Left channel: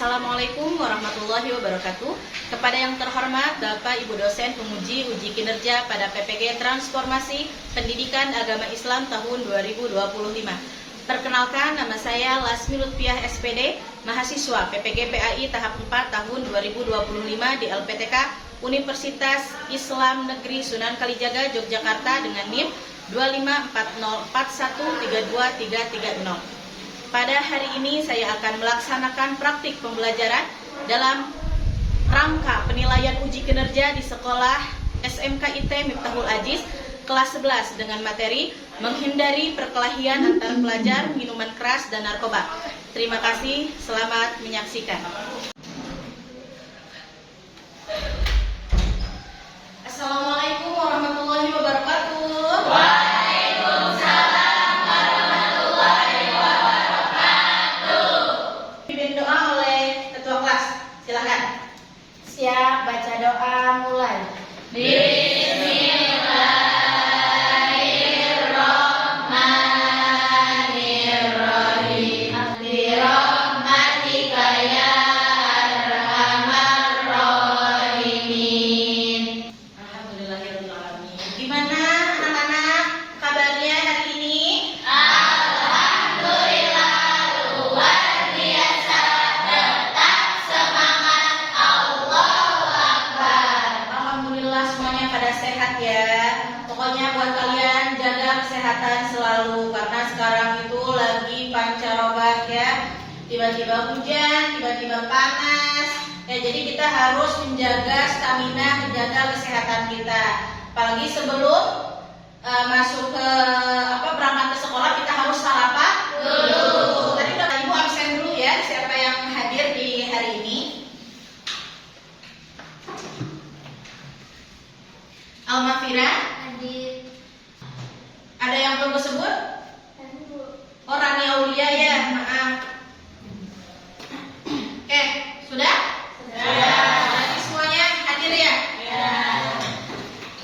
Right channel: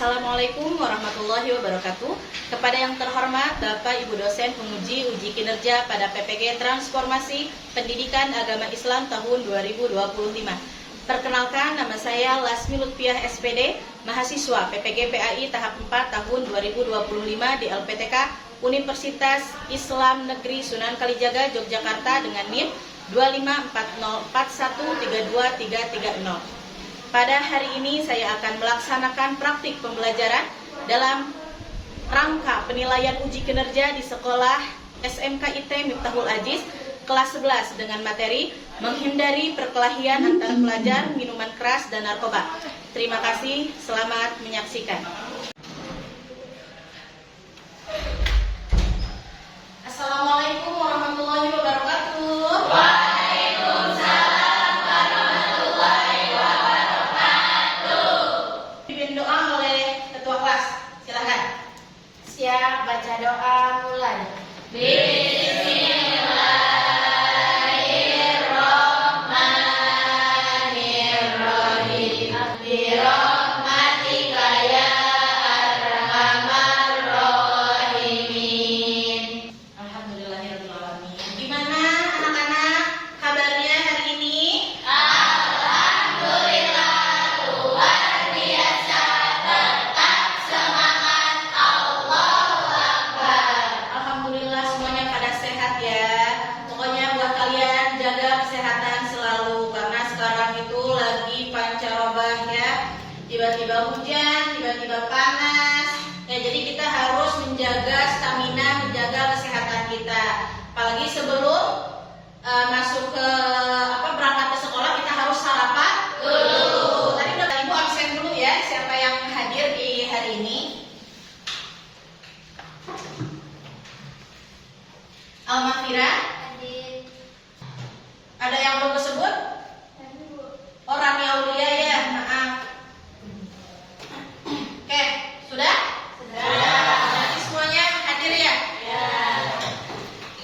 Assalamualaikum warahmatullahi wabarakatuh. Kepada yang terhormat Bapak Ibu dosen penguji uji kinerja pada PPG Transformasi Pendidikan Agama Islam tahun 2025. Perkenalkan, nama saya Lasmi Lutfiah SPD, mahasiswa PPG PAI tahap 4 tahun 2025 di LPTK Universitas Islam Negeri Sunan Kalijaga Yogyakarta dengan NIM 25404132330. Pada hari ini saya akan melaksanakan praktik pembelajaran dalam rangka penilaian uji kinerja di sekolah SMK IT Miftahul Aziz kelas 11 dengan materi menghindari perkelahian antar pelajar, minuman keras dan narkoba. Terima kasih, selamat menyaksikan. Assalamualaikum warahmatullahi wabarakatuh. Siap, baca doa mulai. Bismillahirrahmanirrahim. Birahmatika ya arhamar rahimin. Alhamdulillahirrahmanirrahim. Gimana anak-anak kabarnya hari ini? Alhamdulillah luar biasa. Tetap semangat. Allahu Akbar. Alhamdulillah semuanya pada sehat ya. Pokoknya buat kalian jaga kesehatan selalu karena sekarang itu lagi pancarobah ya. Tiba-tiba hujan, tiba-tiba panas. Ya, jadi kita harus menjaga stamina, menjaga kesehatan kita. Apalagi sebelum masuk ke berangkat ke sekolah kita harus sarapan dulu. Tadi Bapak Ibu absen dulu ya. Siapa yang hadir di hari ini? Almafira, ada yang belum disebut? Oh, Rani Aulia ya, maaf. Oke, sudah? Berarti semuanya hadir ya?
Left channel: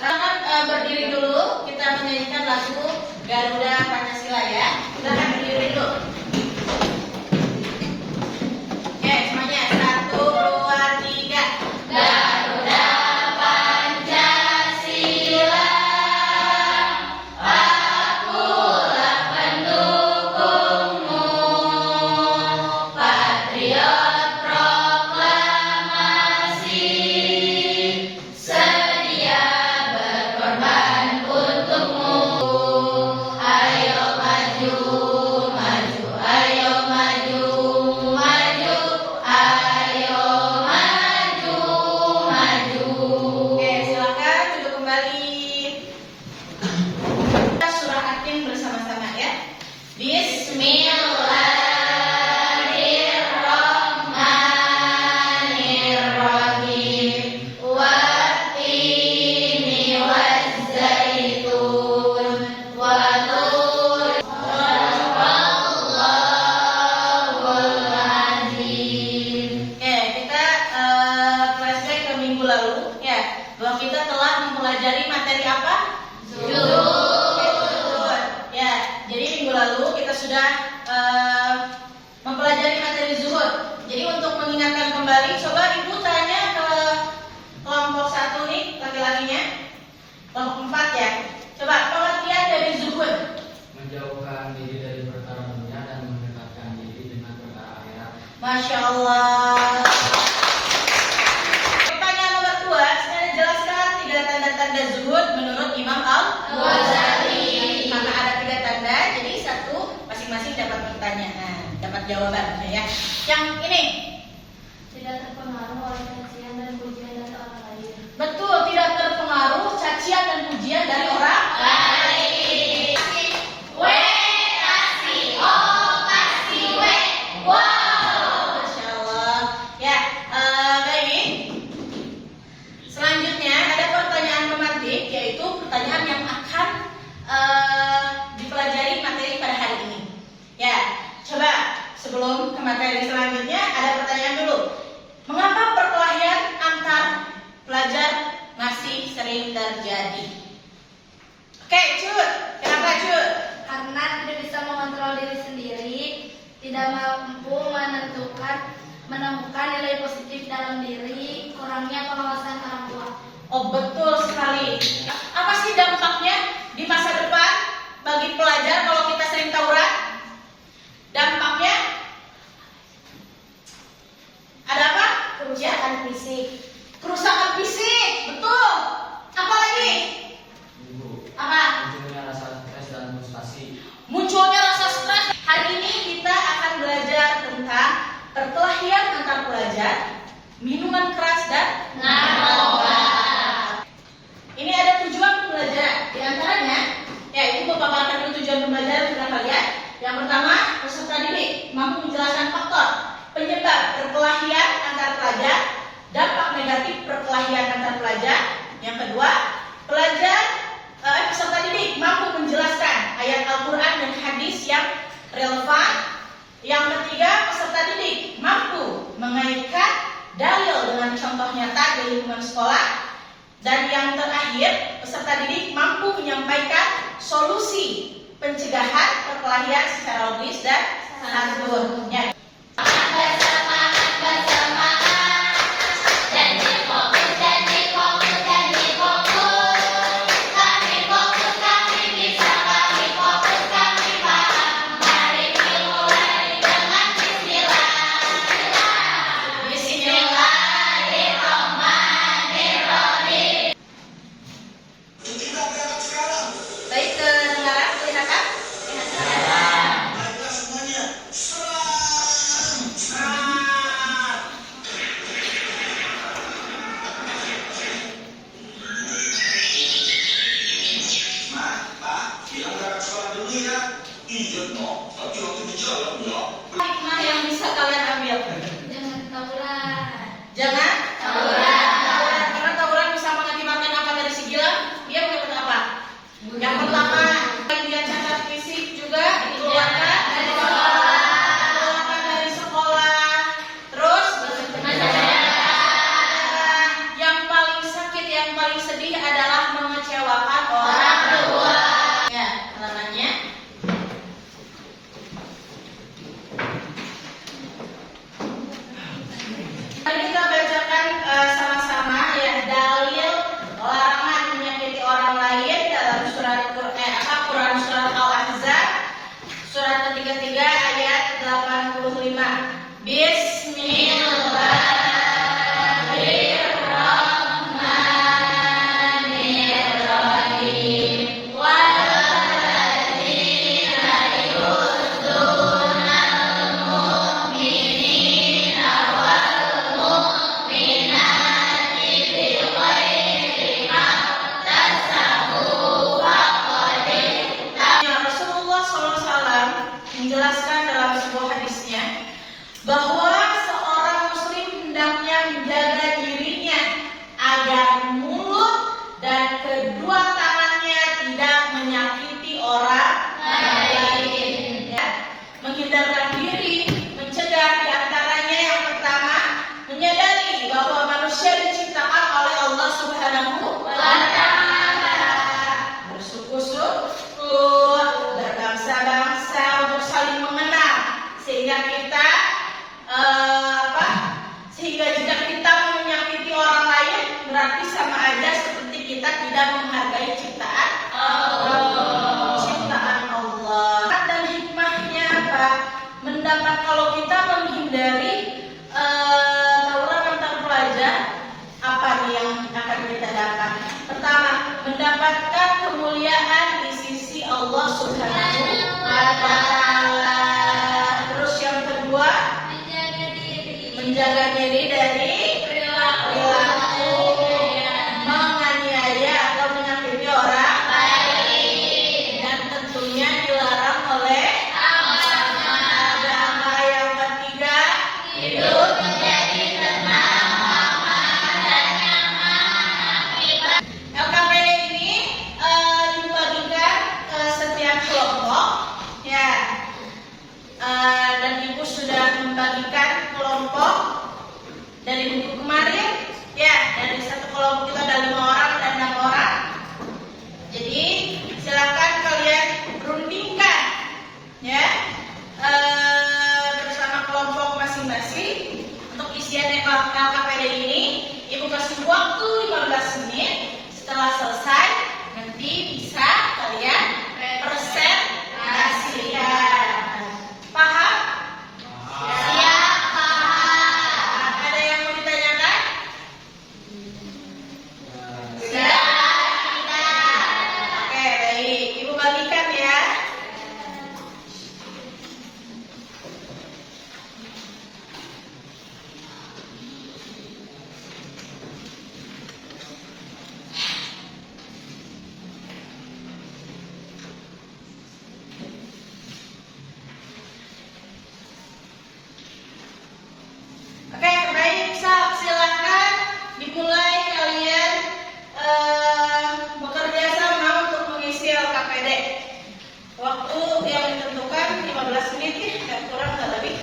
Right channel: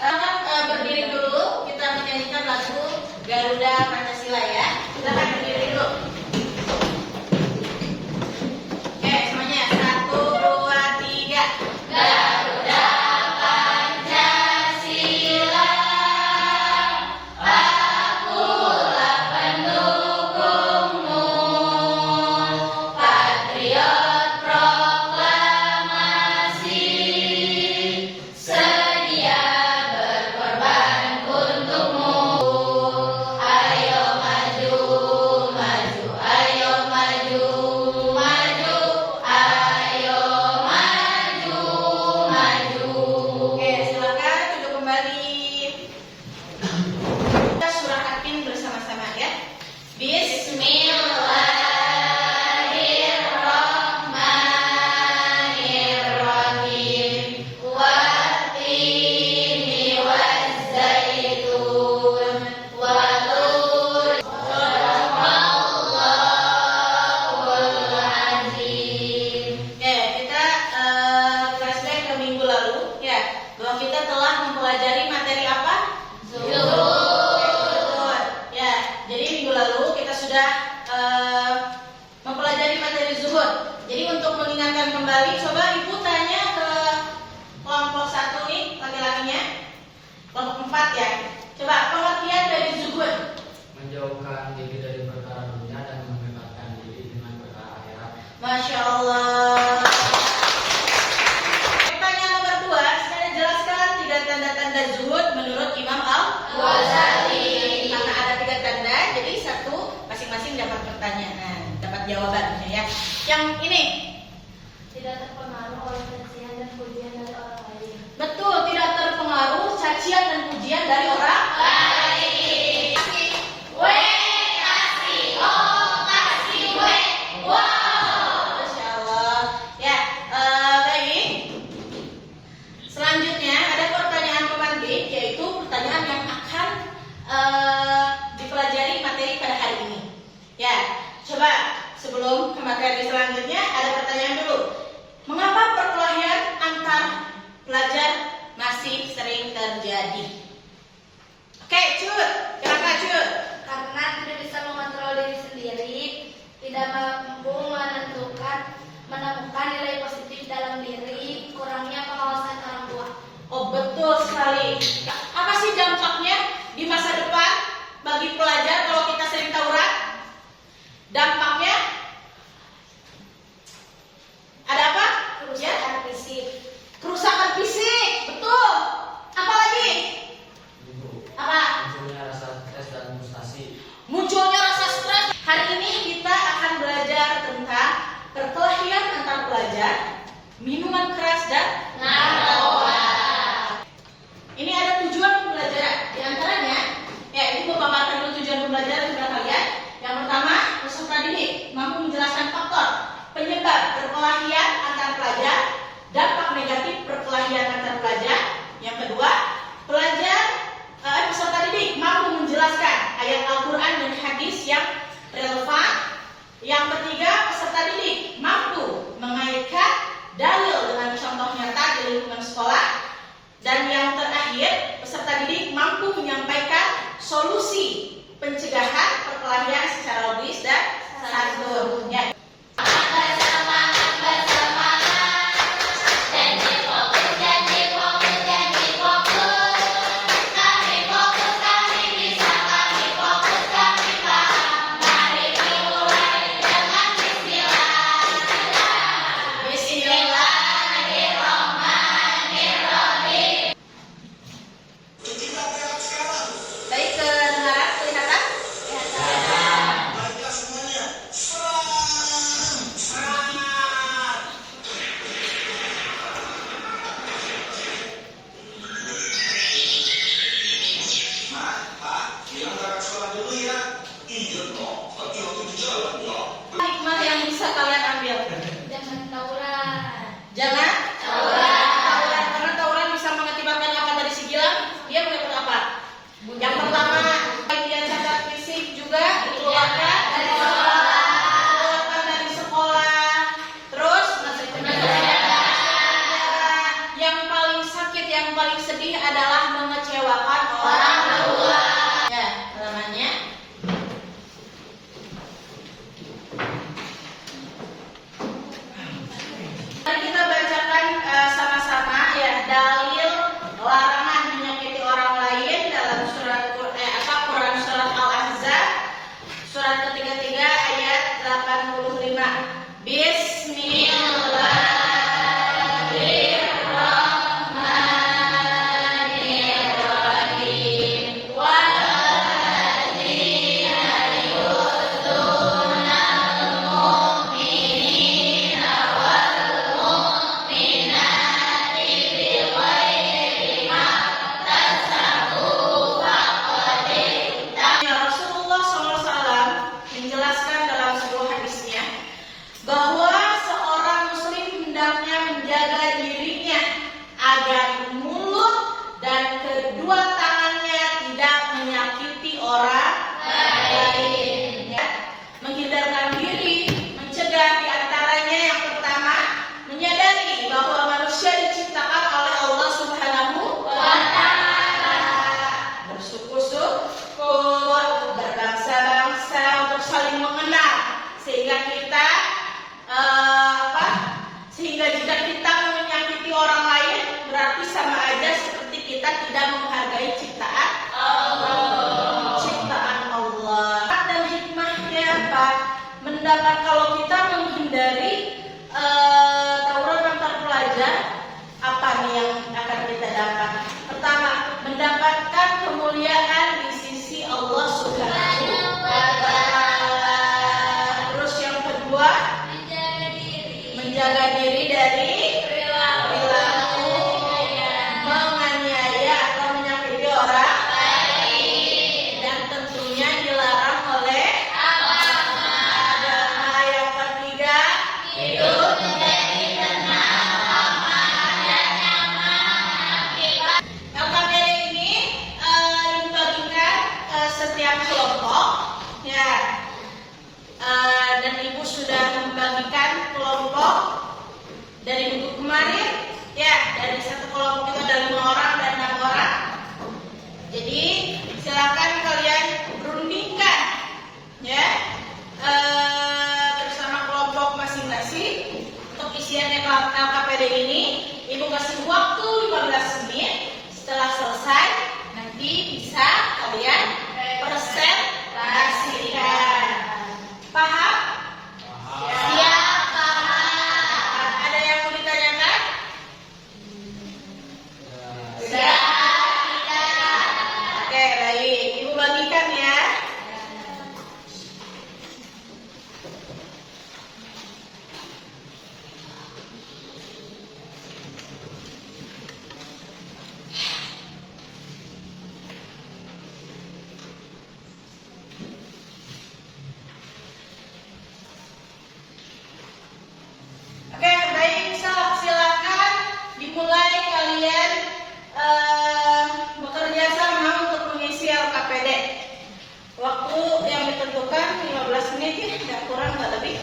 Silakan berdiri dulu, kita menyanyikan lagu Garuda Pancasila ya. Silakan berdiri dulu. Oke, semuanya 1, 2, 3. Garuda Pancasila, akulah pendukungmu, patriot proklamasi, sedia berkorban untukmu. Ayo maju, maju, ayo maju, maju, ayo maju, maju. Oke, silakan duduk kembali. Kita surahkan bersama-sama ya. Bismillahirrahmanirrahim. Wattini wazzaitun wa tur. Shadaqallahul azim. Oke, kita flashback ke minggu lalu ya, bahwa kita telah mempelajari materi apa? Zuhud. Ya, jadi minggu lalu kita sudah mempelajari materi zuhud. Jadi untuk mengingatkan kembali, coba Ibu tanya ke kelompok 1 nih, laki-lakinya. Kelompok 4 ya. Coba pengertian dari zuhud. Menjauhkan diri dari perkara dunia dan mendekatkan diri dengan perkara akhirat. Masya Allah. Pertanyaan nomor 2, saya jelaskan 3 tanda-tanda zuhud menurut Imam Al-Ghazali. Karena ada 3 tanda, jadi 1 masing-masing dapat pertanyaan, dapat jawaban ya. Yang ini, Tidak terpengaruh oleh cacian dan pujian dari orang lain. betul, tidak terpengaruh cacian dan pujian dari orang Baik. Kasih O, kasih W. Wow. Masya Allah. Ya, baik. Selanjutnya ada pertanyaan pemantik, yaitu pertanyaan yang akan dipelajari materi pada hari ini. Ya, coba sebelum ke materi selanjutnya ada pertanyaan dulu. Mengapa perkelahian antar pelajar masih sering terjadi? Oke, Cut. Kenapa Cut? Karena tidak bisa mengontrol diri sendiri, tidak mampu menentukan menemukan nilai positif dalam diri, kurangnya pengawasan orang tua. Oh, betul sekali. Apa sih dampaknya di masa depan bagi pelajar kalau kita sering tawuran? Dampaknya ada apa? Kerusakan fisik. Kerusakan fisik, betul. Apa lagi? Ibu, Apa? munculnya rasa stres dan frustasi. Munculnya rasa stres. Hari ini kita akan belajar tentang perkelahian antar pelajar, minuman keras dan narkoba. Ini ada tujuan pembelajaran. Di antaranya, yaitu memaparkan dulu tujuan pembelajaran kepada kalian. Yang pertama, peserta didik mampu menjelaskan faktor penyebab perkelahian antar pelajar, dampak negatif perkelahian antar pelajar. Yang kedua, peserta didik mampu menjelaskan ayat Al-Quran dan hadis yang relevan. Yang ketiga, peserta didik mampu mengaitkan dalil dengan contoh nyata dari lingkungan sekolah. Dan yang terakhir, peserta didik mampu menyampaikan solusi pencegahan perkelahian secara logis dan santun. Baik, kedengaran, kelihatan? Baiklah semuanya. Pak, bilang berangkat sekolah dulu ya. Iya dong, tapi waktu di jalan ya. Hikmah yang bisa kalian ambil. Jangan tawuran. Jangan tawuran. Karena tawuran bisa mengakibatkan apa dari si gilang? Dia mengakibatkan apa? Yang pertama, bagian cacat fisik juga dikeluarkan dari sekolah. Terus yang paling sakit, yang paling sedih adalah mengecewakan orang tua. Ya, halamannya. Mari kita bacakan sama-sama ya dalil larangan menyakiti orang lain dalam surat Quran surat Al-Ahzab surat ke-33 ayat 85. Bismillahirrahmanirrahim. Rasulullah SAW menjelaskan dalam sebuah hadisnya bahwa seorang muslim hendaknya menjaga dirinya agar mulut dan kedua tangannya tidak menyakiti orang lain. Menghindarkan diri, mencegah di antaranya yang pertama, menyadari bahwa manusia diciptakan oleh Allah Subhanahu wa Ta'ala. Bersyukur, berbangsa-bangsa untuk saling mengenal, sehingga kita sehingga jika kita menyakiti orang lain berarti sama aja seperti kita tidak menghargai ciptaan Allah. Dan hikmahnya apa? Mendapat kalau kita menghindari tawuran antar pelajar, apa nih yang akan kita dapat? Pertama, mendapatkan kemuliaan di sisi Allah Subhanahu wa Ta'ala. Terus yang kedua, menjaga diri dari perilaku menganiaya atau menyakiti orang lain, dan tentunya dilarang oleh agama. Yang ketiga, hidup menjadi tenang, aman, dan nyaman. LKPD ini dibagikan ke setiap kelompok, ya. Dan ibu sudah membagikan kelompok dari minggu kemarin, ya. Dari satu kelompok itu ada 5 orang dan 6 orang. Jadi silakan kalian rundingkan, ya, bersama kelompok masing-masing dimulai kalian bekerja sama untuk mengisi LKPD. Waktu yang ditentukan 15 menit ya, nggak kurang nggak lebih.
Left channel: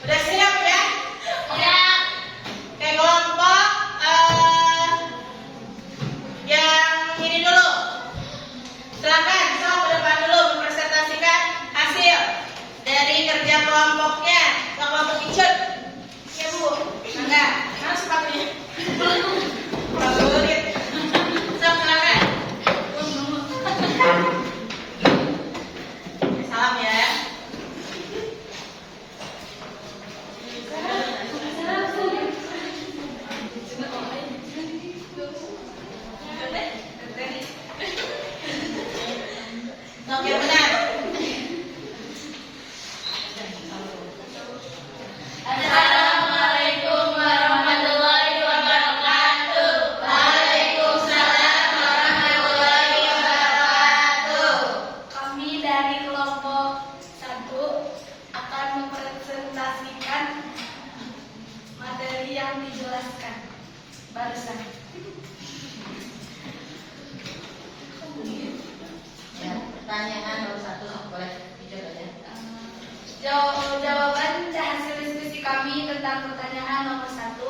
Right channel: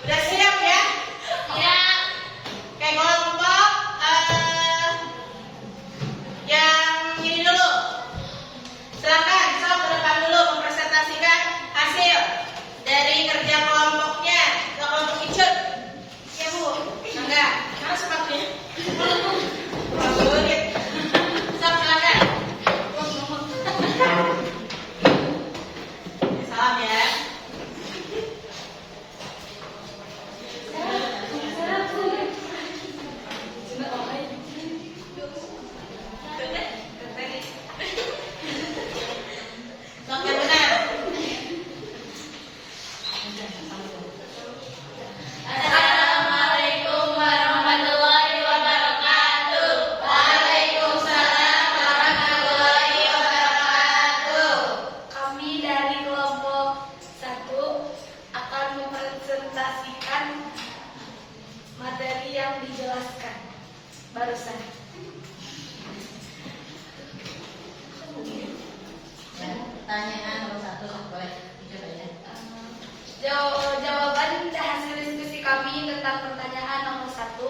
Udah siap ya? Ya. Oke, kelompok yang ini dulu. Silakan, sok ke depan dulu mempresentasikan hasil dari kerja kelompoknya ke kelompok Icut. Oke Bu, enggak, mana sepatunya? Sulit. Sok, silakan. Salam ya. Sok yang benar. Assalamualaikum warahmatullahi wabarakatuh. Waalaikumsalam warahmatullahi wabarakatuh. Kami dari kelompok 1 akan mempresentasikan materi yang dijelaskan barusan. Ya, pertanyaan nomor 1 boleh dicoba aja. Jawaban hasil diskusi kami tentang pertanyaan nomor 1.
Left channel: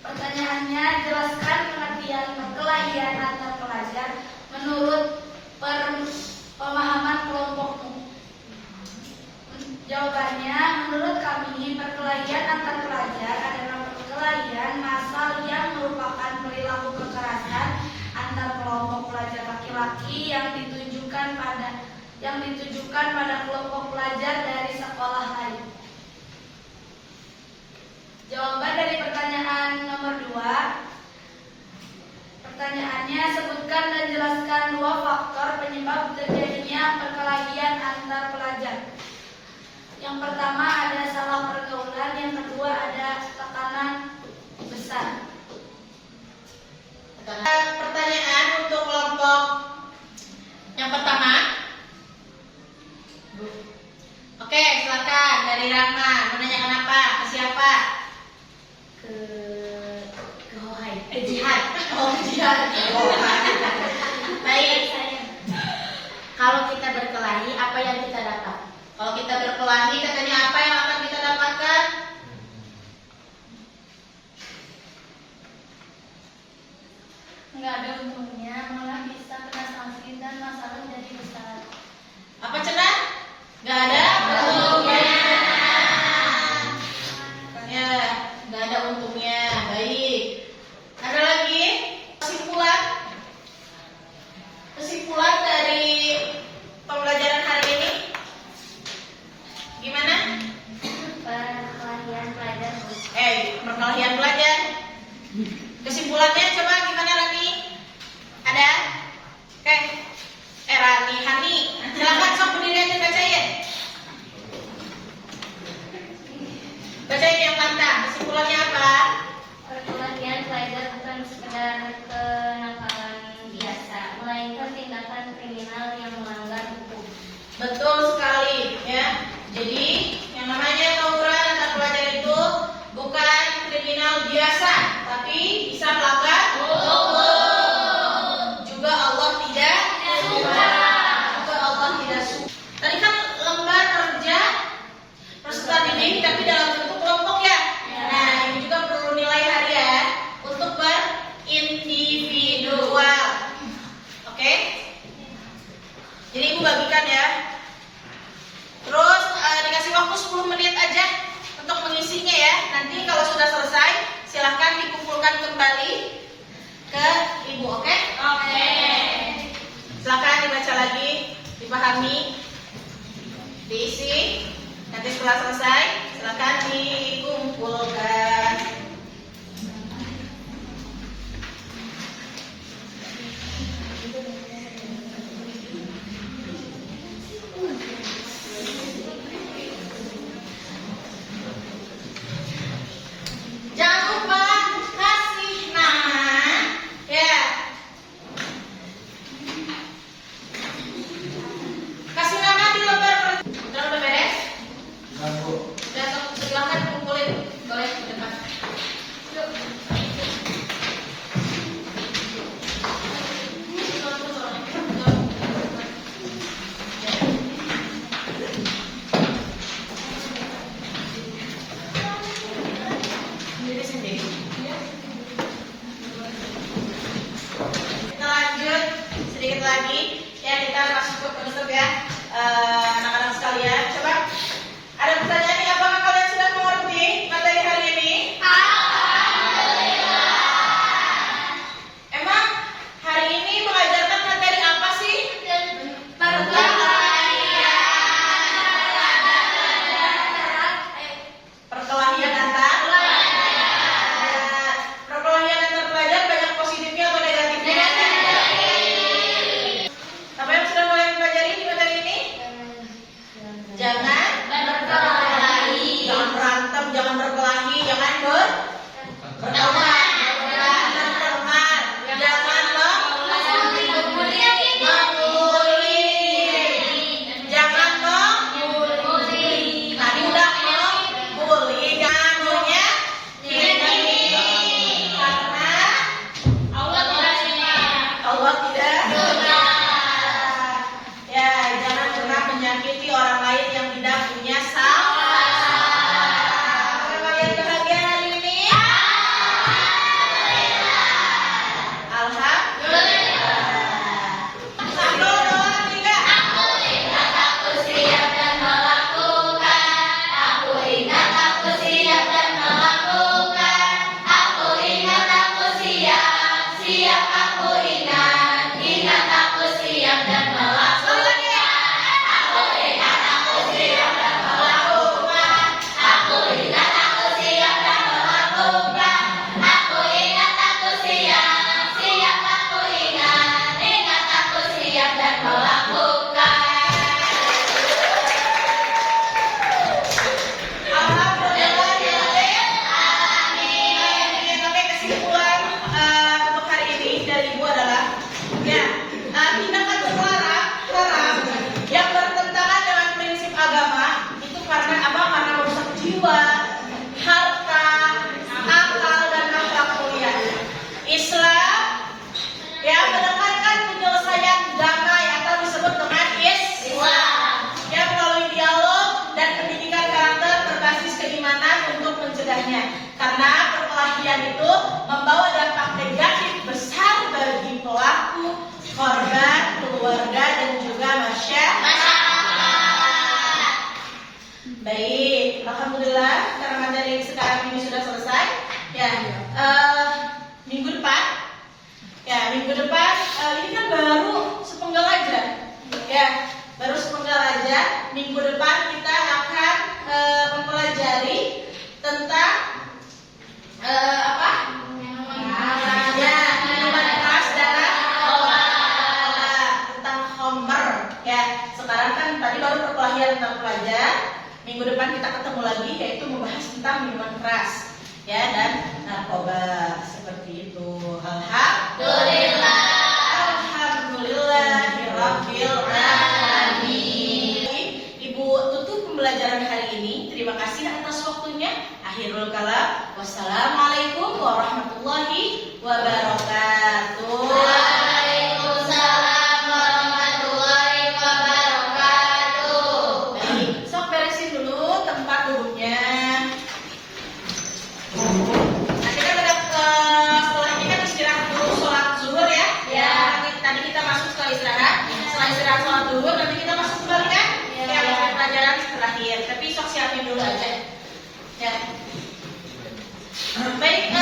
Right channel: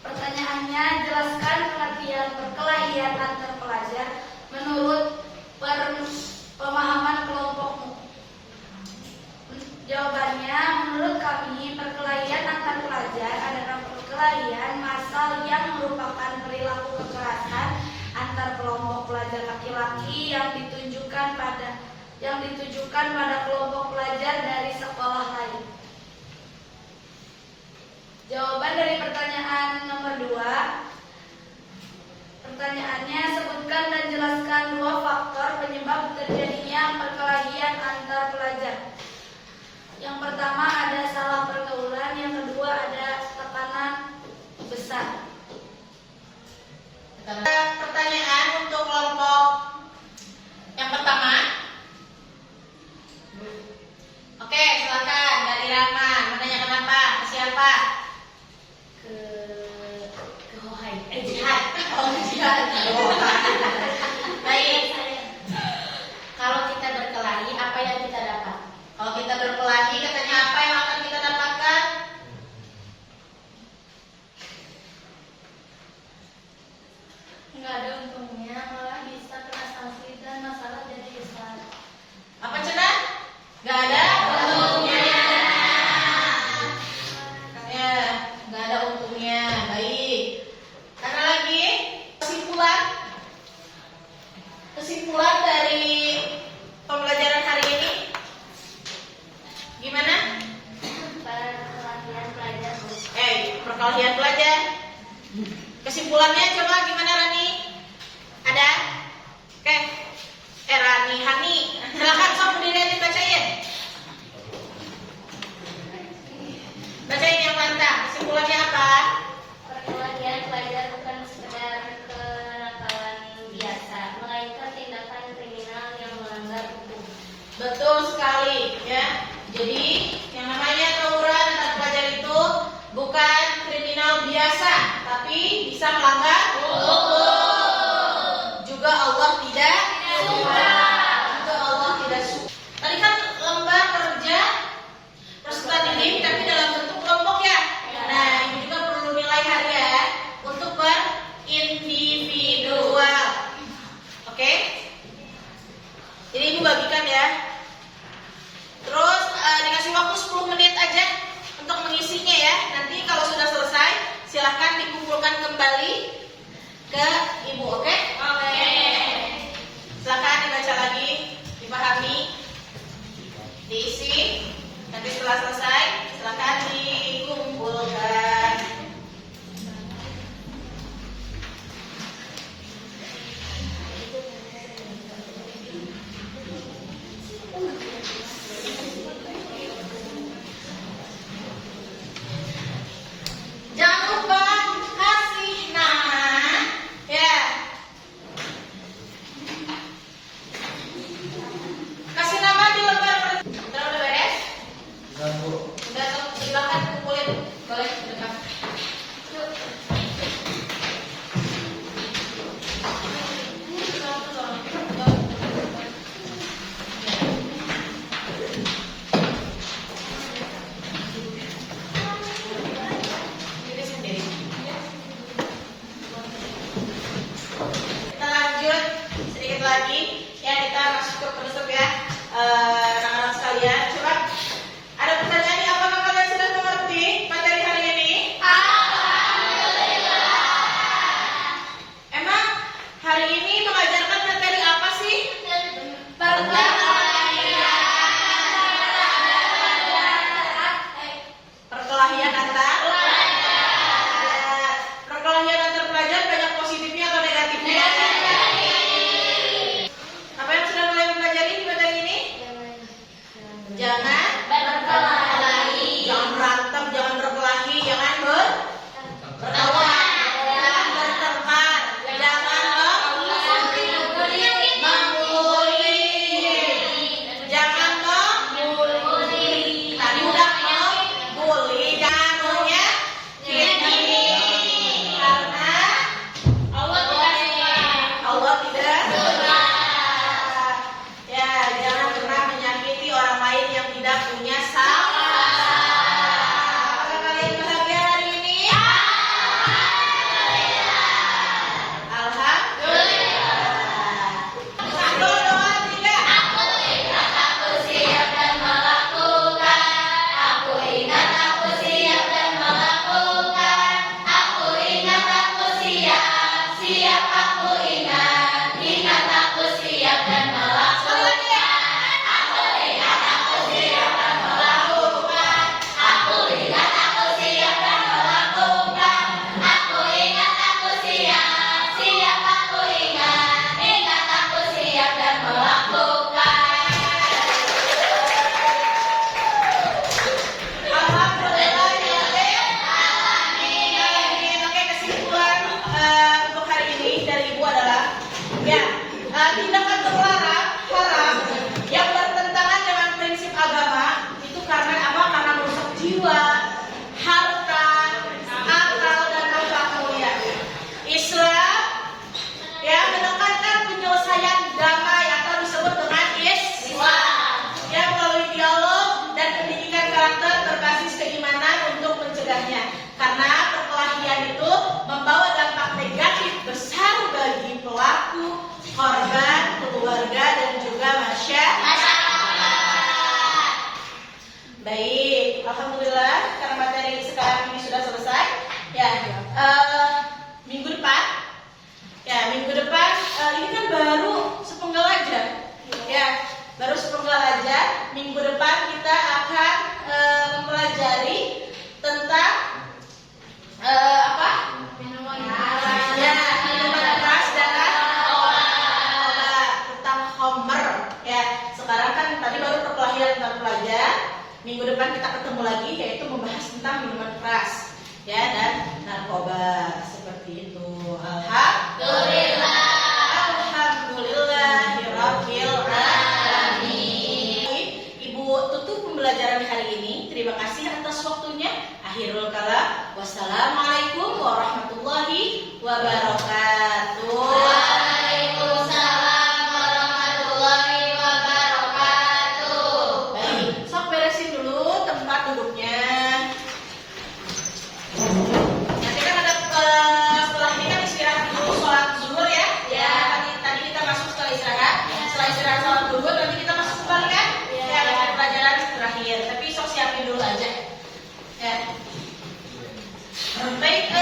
Pertanyaannya, jelaskan pengertian perkelahian antar pelajar menurut pemahaman kelompokmu. Jawabannya, menurut kami perkelahian antar pelajar adalah perkelahian massal yang merupakan perilaku kekerasan antar kelompok pelajar laki-laki yang ditujukan pada kelompok pelajar dari sekolah lain. Jawaban dari pertanyaan nomor 2. Pertanyaannya, sebutkan dan jelaskan 2 faktor penyebab terjadinya perkelahian antar pelajar. Yang pertama ada salah pergaulan, yang kedua ada tekanan besar. Pertanyaan untuk kelompok yang pertama. Oke, silakan dari Rahman. Menanyakan apa? Ke siapa? Ke Hohai. Jihad. Oh, Jihad. Baik. Kalau kita berkelahi, apa yang kita dapat? Kalau kita berkelahi, katanya apa yang akan kita dapatkan? Nggak ada untungnya, malah bisa kena sanksi dan masalah jadi besar. Apa cenah? Gak ada untungnya. Ya, gak ada untungnya. Baik. Ada lagi kesimpulan dari pembelajaran hari ini. Gimana Betul sekali ya. Jadi yang namanya tawuran antar pelajar itu bukan kriminal biasa, tapi bisa melanggar hukum. Juga Allah tidak suka. Juga Allah tidak suka. Tadi kan lomba kerja peserta didik tapi dalam bentuk kelompok ya. Nah ini juga perlu nilai harian untuk berindividual. Oke? Jadi ibu bagikan ya. Terus dikasih waktu 10 menit aja untuk mengisinya ya. Nanti kalau sudah selesai silakan dikumpulkan kembali ke ibu, oke? Oke. Silakan dibaca lagi, dipahami, diisi. Nanti setelah selesai silakan dikumpulkan. Jangan lupa kasih nama ya. Kasih nama di lembar udah beres? Dan Bu, Udah, silakan kumpulin. Boleh ke depan. Yuk. Kita lanjut sedikit lagi ya, kita masuk ke penutup ya. Anak-anak sekalian, coba ada pertanyaan nih, apakah kalian sudah mengerti materi hari ini? Alhamdulillah. Emang hari ini mengajarkan materi apa sih? Perkelahian antar perkelahian antar pelajar banyak positifnya atau negatifnya? Apa yang sudah kalian pelajari di materi ini? Jangan berkelahi, jangan berantem, jangan berkelahi, jangan bertengkar, jangan bertengkar, jangan membuli, jangan membuli. Tadi udah membuli, jangan menyakiti, karena Allah tidak suka. Ya, jangan pernah menyakiti orang lain yang tidak punya salah. Apakah kalian bahagia hari ini? Alhamdulillah. Satu, dua, tiga. Aku ingat aku siap dan melakukan. Aku ingat aku siap dan melakukan. Aku ingat aku siap, siap aku ingat. Ingat aku siap dan melakukan. Aku ingat aku siap dan melakukan. Aku ingat aku siap dan melakukan. Aku ingat aku siap, siap aku ingat. Ingat aku siap dan melakukan. Alhamdulillah ya Amin. Oke, kesimpulan untuk hari ini dari Ibu adalah ya, tindakan terlarang haram yang bertentangan dengan prinsip agama itu karena apa? Karena merusak jiwa, harta, akal dan akhlak mulia. Islam ya menekankan penyelesaian damai atau disebut dengan Islam yang melalui dialog dan pendidikan karakter berbasis keimanan untuk mencegahnya. Karena perkelahian itu membawa dampak negatif besar bagi pelaku, korban, keluarga dan juga masyarakat. Baik, alhamdulillah karena materi sekarang ini sudah selesai. Ya, minggu depan ini kan baru sepenggal aja. Ya, baru sepenggal aja. Minggu depan kita akan mempelajari tentang apa? Ya, minuman keras dan obat tentang homer. Ya, sekarang kan tadi baru perkelahian tentang pelajar. Minggu depan kita ketemu lagi yaitu membahas tentang minuman keras ya dan narkoba seperti itu. Alhamdulillah. Alhamdulillahirabbil alamin. pembelajaran hari ini. Terima kasih atas waktunya. Akhirul kalam. Wassalamualaikum warahmatullahi wabarakatuh. Waalaikumsalam warahmatullahi wabarakatuh. Baik, sok beresin dulu tempat duduknya. Nanti kan ada setelah ini kan istirahat dulu sholat zuhur ya. Ya. Tadi kita masuk setelah istirahat. Setelah istirahat sholat zuhur nanti kita masuk kembali kan? Ya. Ya, pelajaran terakhir. Tapi sok siapin dulu aja. Ya. Baik.